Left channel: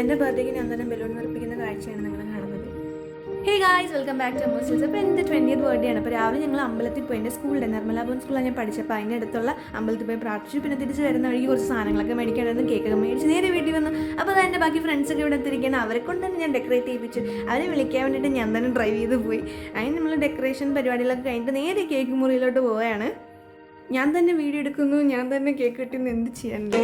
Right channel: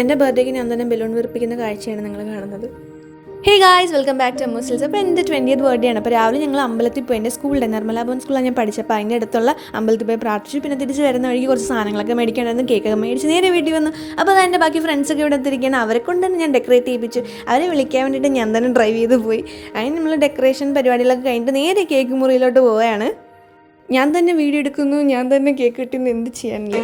എൻ്റെ ബർത്ത്ഡേക്ക് ഞാൻ തന്നെ ബലൂൺ വീർപ്പിക്കുന്ന കാഴ്ചയാണ് നിങ്ങൾ കാണുന്നത്. Hey guys, welcome back to അമ്മൂസിൽസ്. അപ്പോൾ എൻ്റെ 20th ബർത്ത്ഡേ ആണ്. അപ്പോൾ രാവിലെ ഞങ്ങൾ അമ്പലത്തിൽ പോയി, എൻ്റെ സ്കൂളിൻ്റെ നിർമ്മല ഭവൻ സ്കൂളിലാണ് ഞാൻ പഠിച്ചപ്പോൾ അതിൻ്റെ അടുത്തുള്ള അമ്പലത്തിൽ പോയി പ്രാർത്ഥിച്ചു. പിന്നെ തിരിച്ച് വരുന്ന വഴിക്ക് കുറച്ച് സാധനങ്ങളൊക്കെ മേടിക്കേണ്ടായിരുന്നു. കേക്കൊക്കെ മേടിച്ച് നേരെ വീട്ടിൽ വന്നു. അപ്പോൾ അത് എൻ്റെ ബാക്കി ഫ്രണ്ട്സൊക്കെ ഇവിടെ എത്തിരിക്കുകയാണ്. അവരെ കൊണ്ട് തന്നെ ഞാൻ ഡെക്കറേറ്റ് ചെയ്യിപ്പിച്ചു. അവരെ വിളിക്കാൻ വേണ്ടിയിട്ട് ഞാൻ തന്നെ ഡ്രൈവ് ചെയ്ത് പോയി. അതിന് നമ്മൾ ഡെക്കറേഷൻ പരിപാടികളൊക്കെ കഴിഞ്ഞിട്ട് നേരെ കേക്ക് മുറിയിലോട്ട് പോവുകയാണ്. ഞാൻ തന്നെ വീഡിയോ എടുക്കുന്നു, ഞാൻ തന്നെ കേക്ക് കട്ടിങ് എന്ത് ചെയ്യാനില്ല.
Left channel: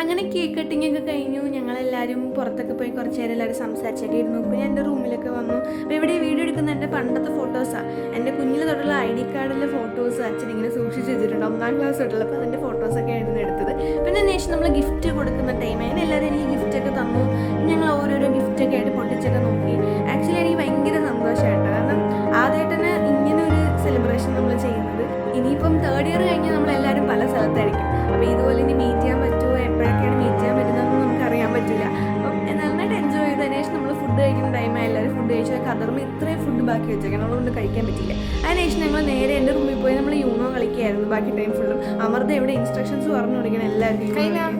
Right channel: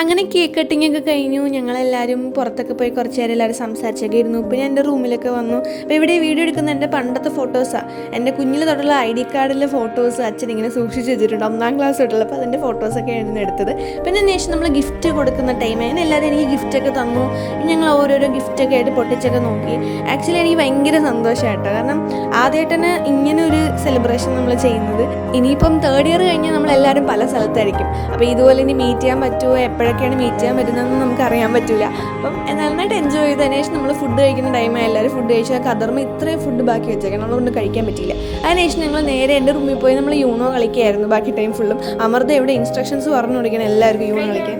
അങ്ങനെ കേക്ക് കട്ടിങ് ഒക്കെ കഴിഞ്ഞു. ഞങ്ങളെല്ലാവരും പുറത്തൊക്കെ പോയി കുറച്ച് നേരം എല്ലാവരും സംസാരിച്ചൊക്കെ ഇരുന്നു. പിന്നെ എൻ്റെ റൂമിലൊക്കെ വന്നു. അപ്പോൾ ഇവിടെ വീഡിയോ എടുക്കുന്ന എൻ്റെ പണ്ടത്തെ ഫോട്ടോസാണ്. എൻ്റെ കുഞ്ഞിൽ തൊട്ടുള്ള ID കാർഡിലെ ഫോട്ടോസ് അച്ഛൻ ഇങ്ങനെ സൂക്ഷിച്ച് വെച്ചിട്ടുണ്ട്, 1ാം ക്ലാസ് തൊട്ടുള്ള. അപ്പോൾ അതിൻ്റെ ഫോട്ടോസൊക്കെ ആയിരുന്നു എടുത്തത്. പിന്നെ അതിനുശേഷം നമ്മൾ ഗിഫ്റ്റ് കൊടുക്കുന്ന ടൈം അങ്ങനെ എല്ലാവരും എനിക്ക് ഗിഫ്റ്റൊക്കെ തന്നു. ഞങ്ങൾ ഓരോരോ ഗിഫ്റ്റൊക്കെ ആയിട്ട് പൊട്ടിച്ചൊക്കെ നോക്കി. ആക്ച്വലി എനിക്ക് ഭയങ്കര സന്തോഷമായിട്ടോ, കാരണം ആദ്യമായിട്ട് തന്നെ ഇങ്ങനെ ഒരു സെലിബ്രേഷൻ നമ്മൾ ചെയ്യുന്നത്. ഇനിയിപ്പം 3rd ഇയർ കഴിഞ്ഞാൽ നമ്മളെല്ലാവരും പല സ്ഥലത്തായിരിക്കും. അപ്പോൾ ഇതുപോലെ ഇനി മീറ്റ് ചെയ്യാൻ പറ്റുമോ, എപ്പോഴൊക്കെയാണ് മീറ്റ് ചെയ്യാൻ പറ്റുന്നതെന്ന് നമുക്ക് അറിയാൻ പറ്റില്ല. അപ്പം നന്നായിട്ട് എൻജോയ് ചെയ്തതിന് ശേഷം നമ്മൾ ഫുഡ് കഴിക്കുന്ന ടൈമായി. എല്ലാവരും ഫുഡ് കഴിച്ചാൽ കതർമ്മ ഇത്രയും ഫുഡ് ബാക്കി വെച്ചേക്കാം, നമ്മളൊന്നും കഴിക്കാൻ പറ്റില്ല. അതിനുശേഷം നമ്മൾ നേരെ എൻ്റെ റൂമിൽ പോയി നമ്മൾ യൂണോ കളിക്കുകയായിരുന്നു ബാക്കി ടൈം ഫുള്ളും. അമൃത ഇവിടെ ഇൻസ്ട്രക്ഷൻസ് പറഞ്ഞു കൊടുക്കണം എല്ലാവർക്കും യൂണോ കളിക്കാൻ.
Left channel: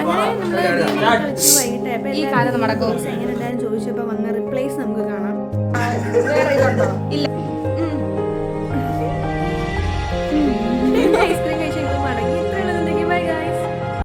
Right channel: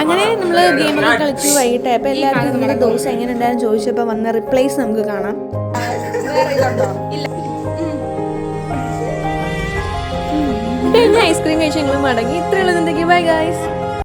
അങ്ങനെ നമ്മൾ ഗെയിമൊക്കെ കളിച്ചു. വൈകിട്ടായപ്പോൾ എല്ലാവരും നമ്മുടെ ദിവസം എങ്ങനെ ഉണ്ടായിരുന്നു ചോദിച്ചപ്പോൾ വന്ന റിപ്ലൈസ് നമുക്ക് കാണാം. പിന്നെ ഐസ്ക്രീം കഴിച്ച് ഞങ്ങൾ മടങ്ങി. ഇത്രയുള്ളത്. Bye guys.